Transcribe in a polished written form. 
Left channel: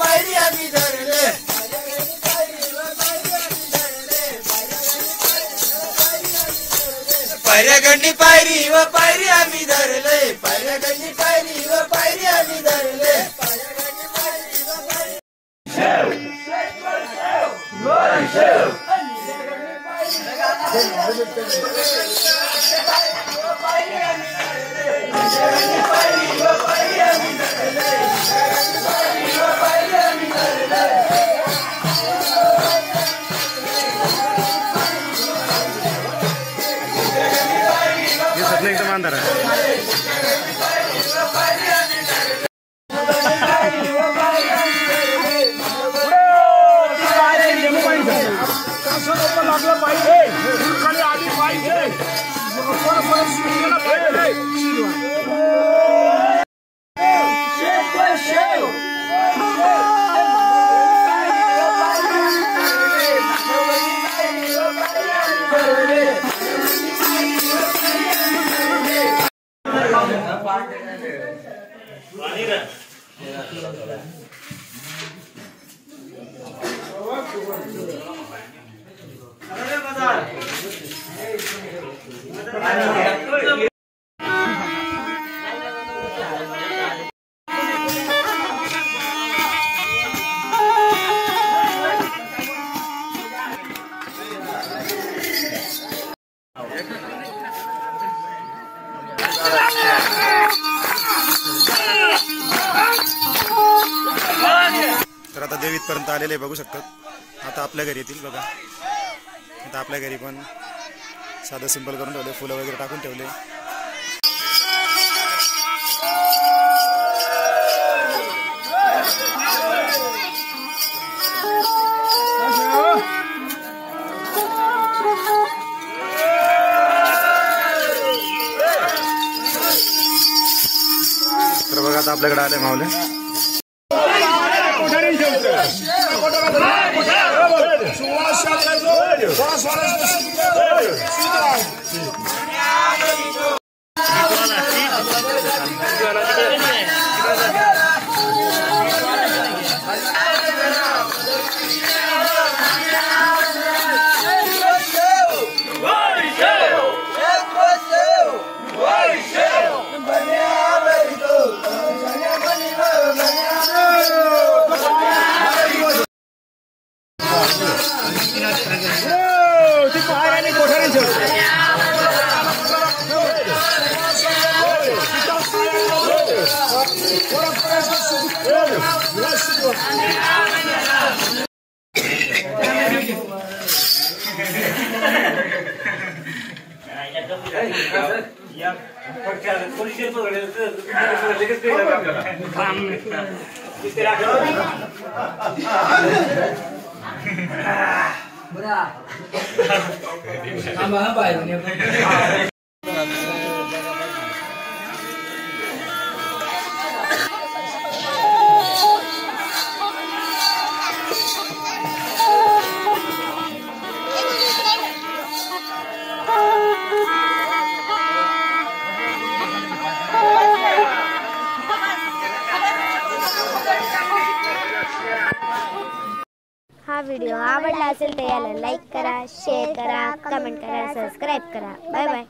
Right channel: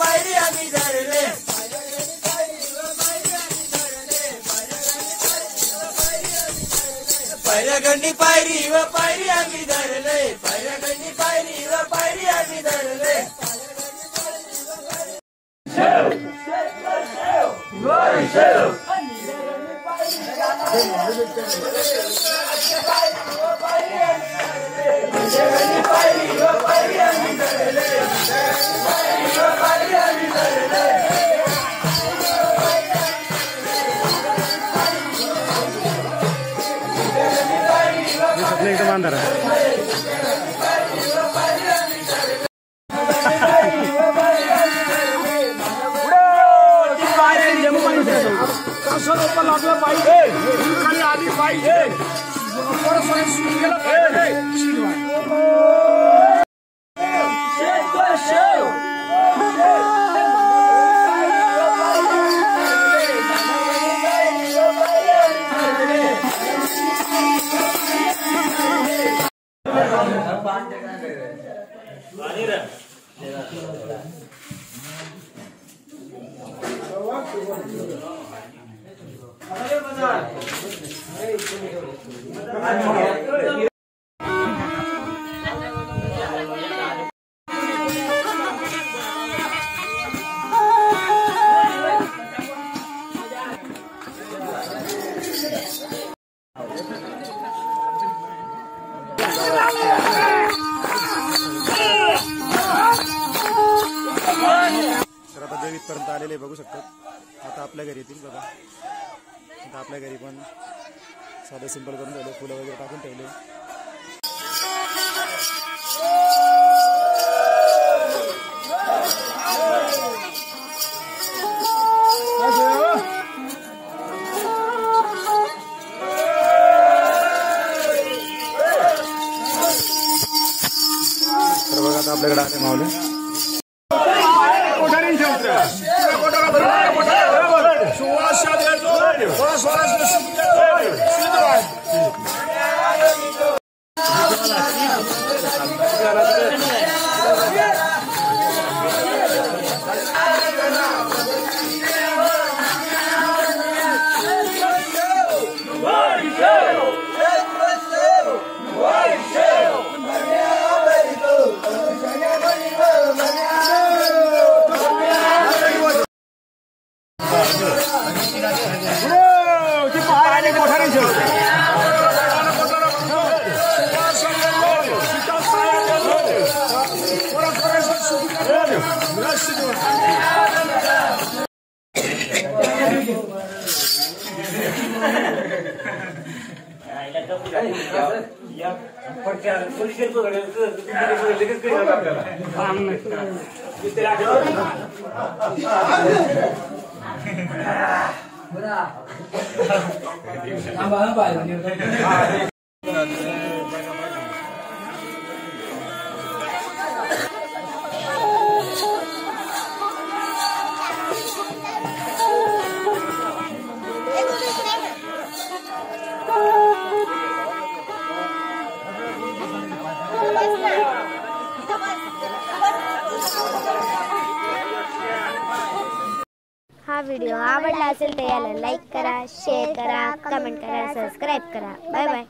पायरी आम्ही धरले पैऱ्यागंडी पायरी व पायरी आम्ही धरले पैऱ्यागंडी पायरी व पायरी आम्ही धरले ये सपने एकदम अंदर है तर आता देवीत पर्यंत आलेले बघू शकतात. आता आपल्या घरी येतील बघा. आता आपल्या घरी पण साधं सिंपल करून ठेवले, फुलं वगैरे टाकून ठेवले. तर बघा आता आपल्याकडे आले माऊले. हा व्हिडिओ आवडला असेल तर याला लाईक करा, शेअर करा, कमेंट करा, सबस्क्राईब करा. Bye bye.